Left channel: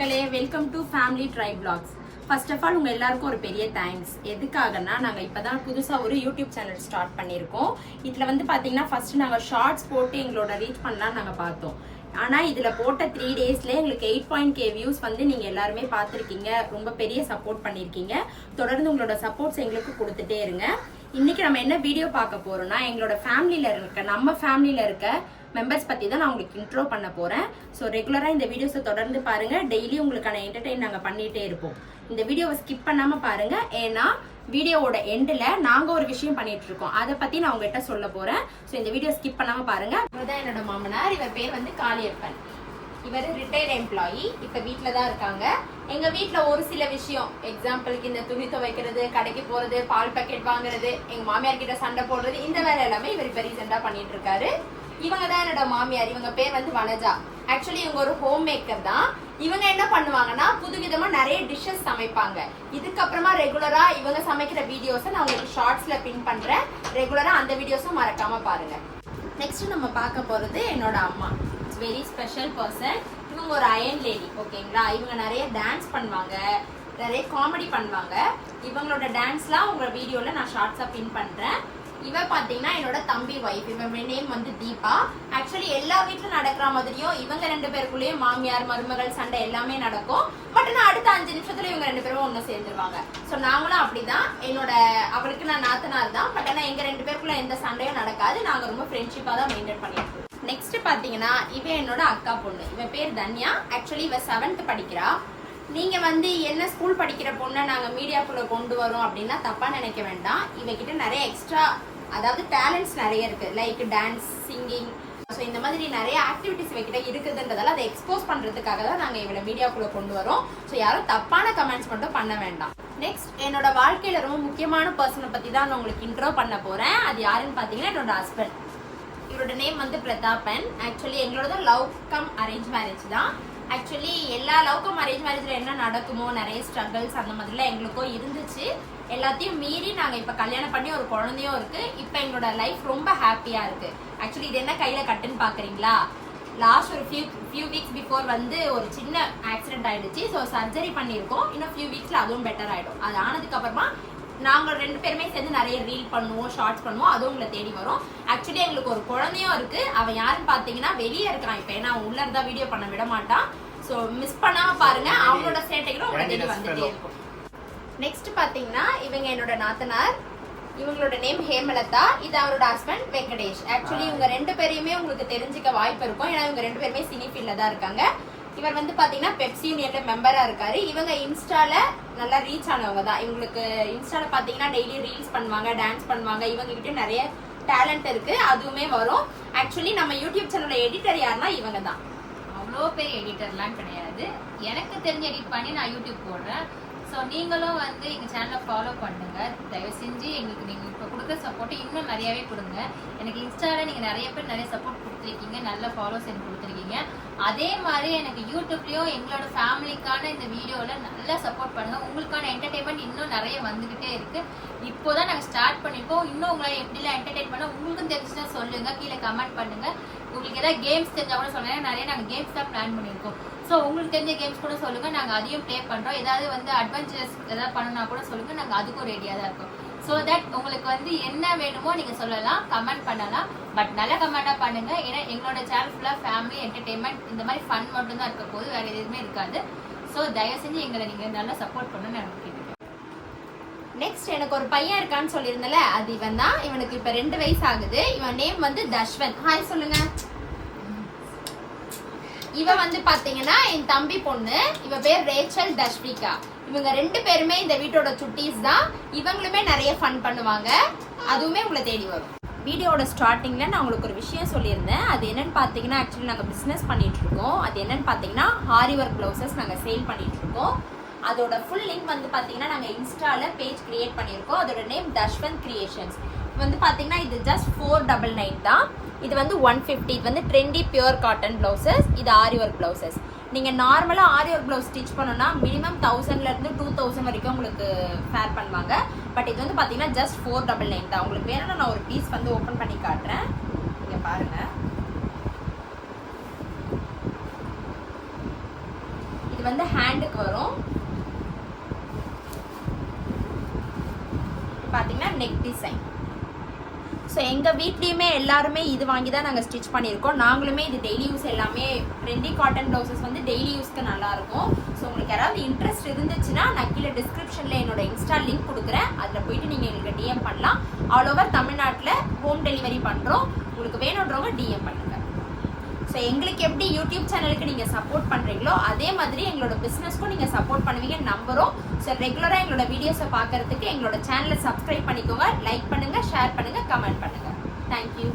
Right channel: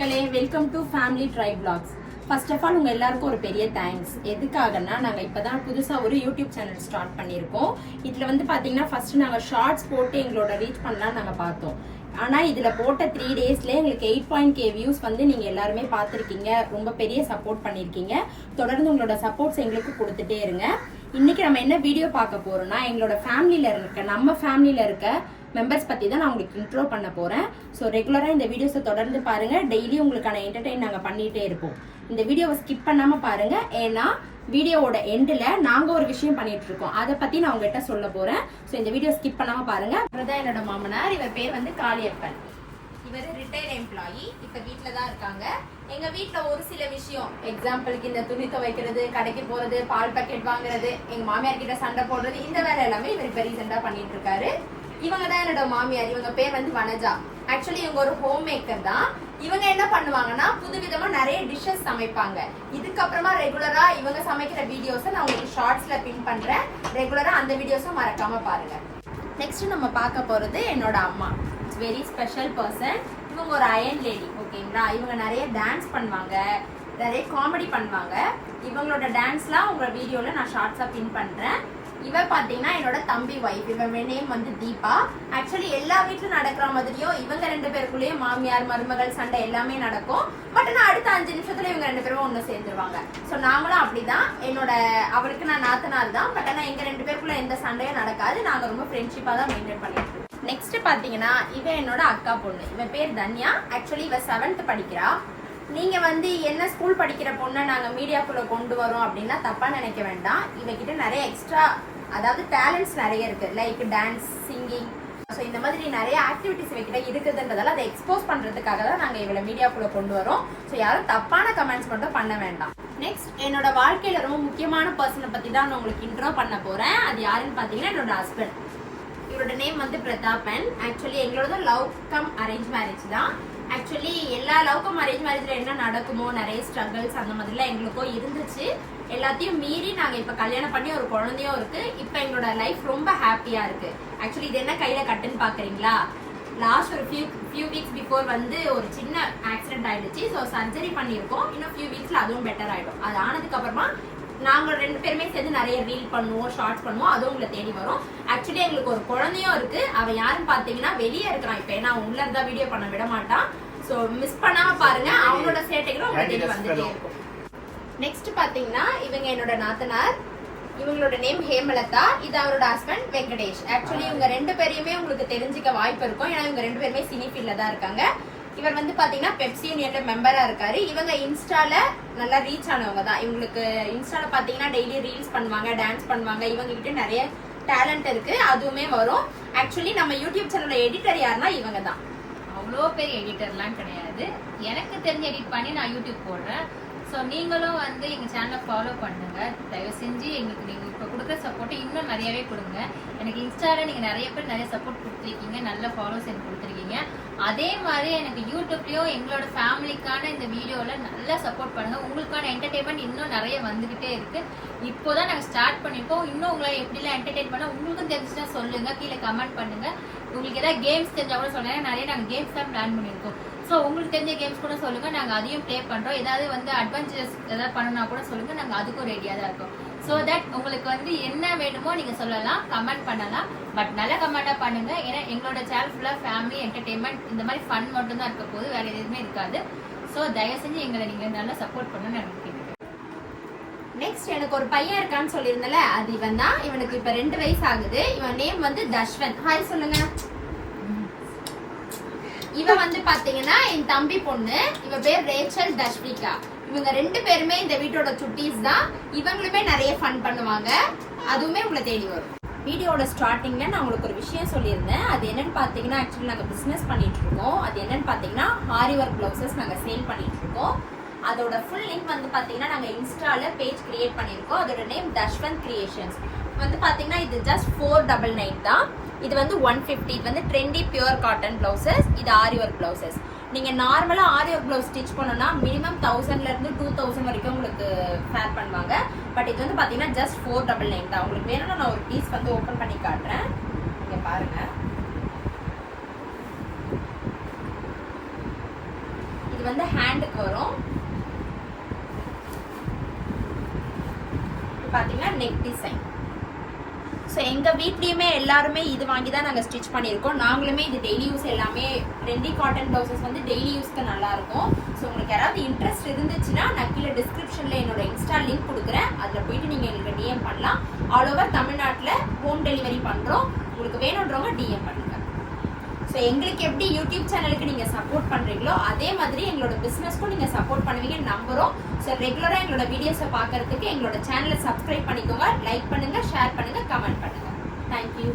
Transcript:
மக்களே, welcome to family tri blocks. First of all உங்க எல்லாருக்கும் ஒரு பெரிய தேங்க்ஸ். எதுக்காகனா நாங்க இப்பதான் புதுசா ஒரு யூடியூப் சேனல் ஸ்டார்ட் பண்ணியிருக்கோம். இதுல வந்து பாத்தீங்கன்னா ஃபர்ஸ்ட் நாங்க ஷார்ட்ஸ் போட்டு எங்களோட ரீச் பண்ணலாம் நாங்க பார்த்தோம். ஆனா இதுல போட்ட 3 டேஸ்ல எங்களுக்கு 8.k வியூஸ் வந்து நீங்க எல்லாருமே பார்த்திருக்கீங்க. ரொம்ப பெரிய சப்போர்ட் பண்ணிருக்கீங்க. தொடர்ந்து உங்களோட சப்போர்ட்ஸ் எங்களுக்கு கொடுத்துட்டே இருங்க. இன்னைக்கு நம்ம என்ன வீடியோ பார்க்க போறோம்னா, எங்களோட நம்ம ஃபேமிலியில இருக்க மெம்பர்ஸ் பத்தி தான் நான் உங்களுக்கு இன்ட்ரோ பண்ண போறேன். ஸோ ரெகுலரா இந்த வீடியோஸை தொடர்ந்து பாருங்க. டெய்லி உங்களுக்கான என்டர்டெயின் நாங்க பண்ணிட்டே இருப்போம். இந்த வீடியோவை ஸ்கிப் பண்ணாம பாருங்க. ஏன்னா வீடியோவோட எண்டில் நாங்க ஒரு விஷயம் பண்ணிட்டு இருக்கோம். அதை பத்தி நான் உங்ககிட்ட சொல்ல போறேன். ஸோ இந்த வீடியோ ஸ்கிப் பண்ணாம பாருங்க. இவர்தான் என்னோட மாமனார். இவர் பேர் வந்து காளியப்பன். இவர் ரிட்டையர்ட் எம்ப்ளாயி. இப்ப வீட்டுல தான் இருக்காங்க. எங்க வீட்டுல ஒரு சில விஷயம், எக்ஸாம்பிளுக்கு இந்த துணி துவைக்கிறது, கடைக்கு போறது, பால் பாக்கெட் வாங்குறது, எங்க மாமியார் கிட்ட சண்டை போடுறது, இந்த வேலை எல்லாமே இவர் இப்ப ரீசெண்டா பண்ணிட்டு இருக்காரு. இவங்க தான் என்னோட மாமியார். இவங்க பேர் வந்து வனஜா. ஆக்சுவலி இவங்க ஒரு ஹோம் மேக்கர் தான். இவங்க என்ன பண்ணுவாங்கன்னா புதுவிதமா நிறைய டிஷ்ஷஸ் சமைப்பாங்க. இதுக்கப்புறமா ரெகுலரா இவங்க சமைக்கிற வீடியோஸை நான் உங்களுக்கு ஷார்ட்ஸ்ல பின் பண்றேன். ரெகுலரா அந்த வீடியோஸும் மறக்காம பாருங்க. நெக்ஸ்ட் நம்ம பார்க்க போறது என்னோட அம்மா. It's very special person. இவங்க ஒரு அயன் லேடி. ஓகேங்களா? இவங்க நிறைய டான்ஸ் பண்ணுவாங்க, நிறைய காமெடி பண்ணுவாங்க. இவங்களோட டான்ஸ்லாம் உங்க வீடியோல நான் ஷார்ட்ஸா பின் பண்றேன். இவ பாத்தீங்கன்னா என்னோட தம்பி வைஃப். இவன் நேம் வந்து தீபா. ஆக்சுவலி எல்லா வீட்டுல நடக்கிற மாதிரியும் இவங்க 2 பேருக்குள்ளேயும் மாமியார் மருமகள் சண்டை எல்லாமே நடக்கும். பட் நான் அடுத்த 5 நிமிஷத்துல இவங்க 2 பேரும் ஒண்ணு சேர்ந்துருவாங்க. சோ நாங்களும் அப்படிதான். அவருக்கு நான் நாத்தனார் தான். பட் ஆனா எங்க 2 பேருக்குள்ள எந்த சண்டையும் நடக்காது. நாங்க ரொம்ப ஃப்ரெண்ட்ஷிப்பா தான் மெயின்டைன் பண்ணிட்டு இருக்கோம். நெக்ஸ்ட் பாத்தீங்கன்னா இவன் என்னோட அக்கா பொண்ணு. இவன் பேர் தன்யா. ஆக்சுவலி இவ 7th படிக்கிறா. நீங்க வந்து என்ன ஸ்கூல் படிக்கிற பொண்ணை நாங்க மீடியாக்குள்ள கொண்டு வரோம் அப்படின்னா தப்பா நினைக்க வேண்டாம். இவகிட்ட நிறைய எக்ஸ்ட்ரா, அதாவது டேலண்ட்ஸ் நிறைய இருக்கு. லைக் டான்ஸ், சிங்கிங், ஸோ இந்த மாதிரி நிறைய ஆக்டிவிட்டிஸ் இவகிட்ட இருக்குதுன்றதால அதை எக்ஸ்போஸ் பண்றதுக்காக தான் நாங்க இவளை மீடியாக்குள்ள கொண்டு வரோம். ஸோ யாரும் தப்பான கமெண்ட்ஸ் மட்டும் பண்ண வேண்டாம். நெக்ஸ்ட் என்னோட வாழ்க்கையில ரொம்ப முக்கியமான பர்சனை பத்தி தான் நான் உங்களுக்கு இன்ட்ரோ பண்ண போறேன். அது யாருன்னு பாத்தீங்கன்னா என்னோட ஹஸ்பண்ட். இவரோட நேம் வந்து பிரதாபன். ஆக்சுவலி எங்களோட லவ் கம் அரேஞ்ச் மேரேஜ் தான். ஆக்சுவலி எல்லா லவ் கம் அரேஞ்ச் மேரேஜ்ல என்ன நடக்குமோ, நிறைய ஸ்ட்ரகிள்ஸ் அந்த மாதிரிலாம் எங்களுக்கும் இருந்துச்சு. எல்லாத்தையும் மீறி நாங்க இப்ப கல்யாணம் பண்ணி ஒரு குழந்தையும் இருக்கு. இப்ப எங்களோட லைஃப் ரொம்ப ஹாப்பியா இருக்கு. ஆக்சுவலி இது என்ன கையில கட்டுன்னு பாக்குறீங்களா? லாஸ்ட் ஒரு ஃபியூ வீக்ஸ் பிஃபோர் வந்து ஒரு சின்ன ஆக்சிடென்ட் ஆயிடுச்சு. ஸோ சர்ஜரி பண்ணியிருக்கோம். இன்னும் ஃபியூ வீக்ஸ்ல அதுவும் பெட்டர் ஆயிடும். அது ஆனதுக்கு அப்புறமா நாங்க 2 பேருமே சேர்ந்து நிறைய ரீல் பண்ணுவோம், ஷார்ட்ஸ் பண்ணுவோம். அதுவும் உங்களை தேடி வரும். ஆக்சுவலி எங்களுக்கு ஒரு குழந்தையும் இருக்கு. அவன் யாருன்னு பாத்தீங்கன்னா வெளியே இருக்கிறான். இப்ப ஏன்னா உள்ள இருந்தா வீடியோ பண்ண விட மாட்டான். சோ மிஸ் பண்ணாம பாருங்க. அவனோட சேட்டைகளும் உங்களை தேடி வந்துட்டே இருக்கும். நெக்ஸ்ட் பாத்தீங்கன்னா இவங்க என்னோட நாத்தனார். இவங்களோட நேம் ஹேமலதா. இது அவரோட ஹஸ்பண்ட் வெங்கடேஷ். ஆக்சுவலி இவங்க 2 பேரையுமே உங்களுக்கு தெரிஞ்சுக்க வாய்ப்பு இருக்கும். ஏன்னா இவங்க 2 பேருமே சினி ஃபீல்ட்ல தான் இருக்காங்க. இவர் வந்து பாத்தீங்கன்னா பெப்சி யூனியன்ல மெம்பரா இருக்காரு. இவங்க இன்ஸ்டால நல்லா ரீச் ஆனவங்க தான். இவங்களுக்கு இன்ஸ்டால பாத்தீங்கன்னா டெய்லி ரீல்ஸ் பண்ணுவாங்க, டான்ஸ் பண்ணுவாங்க. இவங்க கிட்ட நிறைய டேலண்ட் இருக்கு. அதுவுமே வரும். ஆக்சுவலி நம்ம யூடியூப் சேனல்ல எடிட்டர் யாருன்னா இவங்க தான். அவ்வளோ பெரிய எடிட்டர்லாம் கிடையாது. எனக்கு தெரிஞ்ச எடிட் பண்ணி நான் யூடியூப் போடுறேன். ஸோ நீங்களும் வந்து எங்கள் சேனலை ஃபாலோ பண்ணுங்க. தயவு செஞ்சு எங்களுக்கு நீங்கள் இப்போ கொடுக்குற சப்போர்ட்டை இன்னும் நிறையாவே கொடுங்க. எனக்கு இன்ஸ்டாவில் நீங்கள் நிறைய பேர் நிறைய சப்போர்ட் கொடுத்துருக்கீங்க, நல்ல ஃபாலோஸ் எனக்கு கொடுத்துருக்கீங்க. அதே மாதிரி எனக்கு யூடியூப்லேயும் எங்களோட ஃபேமிலிக்கான இந்த வீடியோவில் நல்லா சப்போர்ட் பண்ணுங்கள். உங்களுக்கான என்டர்டெயின்மெண்ட் இன்னும் நிறைய வந்துக்கிட்டே இருக்குது. இப்போ தான் நாங்கள் ஸ்டார்ட் பண்ணியிருக்கோம். இன்னும் உங்களை எப்படிலாம் என்டர்டெயின் பண்ண உங்களுக்கும் தெரிஞ்சுன்னா சொல்லுங்கள், கீழே கமெண்ட் பண்ணுங்கள். உங்களுக்கு ஏதாவது கேம்ஸ் தெரிஞ்சால் கூட சொல்லுங்கள். நிறைய நாங்கள் கேம்ஸ் தான் பிளான் பண்ணியிருக்கோம். ஸோ உங்களுக்கு தெரிஞ்ச கேம்ஸ் கூட சொல்லுங்கள், நாங்கள் அதையும் ப்ளே பண்ணுறோம். ஏதாவது வந்து அட்வென்ச்சர்ஸ் ஏதாவது பண்ணணும்னா கூட சொல்லுங்கள், நாங்கள் அதுக்கும் ரெடியாக தான் இருக்கோம். ஸோ தட் உங்களுக்கு வந்து என்ன வேணுமோ நீங்கள் சொல்லலாம், கமெண்ட் பண்ணலாம். பட் நல்ல கமெண்டாக பண்ணுங்க. ஏன்னா எங்களோட சேனல் ஃபுல்லாக ஃபேமிலி என்டர்டெயின்மெண்ட் இந்த மாதிரி ஃபன் மட்டும் தான் இருக்க போது, வேற எதுவுமே இருக்காது. ஸோ தயவு செஞ்சு எங்களை நீங்கள் நல்லா சப்போர்ட் பண்ணணும்னு எனக்கு கேட்குறேன். நெக்ஸ்ட் எனக்கு ஒரு பையன் இருக்கான்னு சொல்லியிருந்தல, அது இவன் தான். இவனுக்கு இப்போ 2 வயசு ஆகுது. இவன் நேம் வந்து தஷ்வந்த். ஹாய் சொல்லுங்க. இவ வந்து பாத்தீங்கன்னா என் தம்பி பொண்ணு. இவ பேர் ரேச்சல் தஷ்விகா. இவங்க 2 பேருமே இந்த வீட்டோட சுட்டீஸ் தான். இவங்களுமே நிறைய ஃபன் பண்ணுவாங்க. அதுவுமே உங்களை தேடி வரும். வீடியோட ஸ்டார்டிங்ல நான் உங்களுக்கு ஒரு விஷயம் சொல்லியிருந்தேன். அது என்னன்னு பாத்தீங்கன்னா, ஆக்சுவலி நாங்க பிசினஸ் பண்ணிட்டு இருக்கோம். அது என்னன்னு பாத்தீங்கன்னா ஹாரி ஒர்க் பிளவுசஸ் நாங்க சேல் பண்ணிட்டு இருக்கோம். அதோட ஃபுல் லிங்க் வந்து பாத்தீங்கன்னா நாங்க இன்ஸ்டால பேஜ் கிரியேட் பண்ணிருக்கோம். அதோட நேம் தஷ்வந்த் கிரியேஷன்ஸ். வந்து பாத்தீங்கன்னா இது ஜஸ்ட் 499 தான். இது வந்து 150. இது வந்து ட்ரெண்டி பியூர் காட்டன் பிளவுசஸ். இது ஆரி ஒர்க் பிளவுசஸ். நீங்க நார்மலா ஆரி ஒர்க் பிளவுஸ் ஸ்டிச் பண்ணணும்னா மினிமம் 1000ல இருந்து 2000 வரைக்கும் உங்களுக்கு ஃபேர் பண்ணுவாங்க. பட் இது வந்து பாத்தீங்கன்னா ஜஸ்ட் 499 தான். உங்களுக்கு வேணும்னா நான் ஒரு பீஸ் வந்து ஓபன் பண்ணி காட்டுறேன். நீங்க பாருங்க. இது வந்து ஹேண்டுக்கு வரும். பாத்தீங்கன்னா நெக் டிசைன். ஸோ எங்கள் வீட்லேயுமே எல்லாருமே இது வாங்கி தான் நாங்கள் ஸ்டிச் பண்ணியிருக்கோம். நாங்களுமே இது டெய்லி யூஸ் எல்லாமே ட்ரெண்டி காட்டன் ப்ளவுசஸ் வந்து டெய்லி யூஸ்க்கு நல்லாயிருக்கும். ஸோ உங்களுக்கு யாராவது இன்ட்ரெஸ்ட் இருந்துச்சுன்னா நான் கீழே டிஸ்கிரிப்ஷனில் என்னோட இன்ஸ்டா லிங்க் கொடுக்குறேன். அதில் போயிட்டு நீங்கள் எங்களுக்கு டிஎம் பண்ணலாம். ஆல் ஓவர் தமிழ்நாட்டில் ஹோம் டெலிவரி பண்ணுறோம். உங்களுக்கு வேணுன்றவங்க டிஎம் பண்ணுங்கள். ஸோ எங்களுக்கு எப்படி யூடியூப் சேனலுக்கு நீங்கள் சப்போர்ட் பண்ணுறீங்களோ அதே மாதிரி எங்களோட பிஸ்னஸ்க்கும் நீங்கள் சப்போர்ட் பண்ணுவீங்கன்னு நம்புகிறோம். ஸோ ரெகுலராக எங்களோட வீடியோஸை பார்க்கறதுக்கு எங்களோட சேனலை சப்ஸ்கிரைப் பண்ணிக்கோங்க, லைக் பண்ணுங்கள், ஷேர் பண்ணுங்கள், கமெண்ட் பண்ணுங்கள். தேங்க்யூ.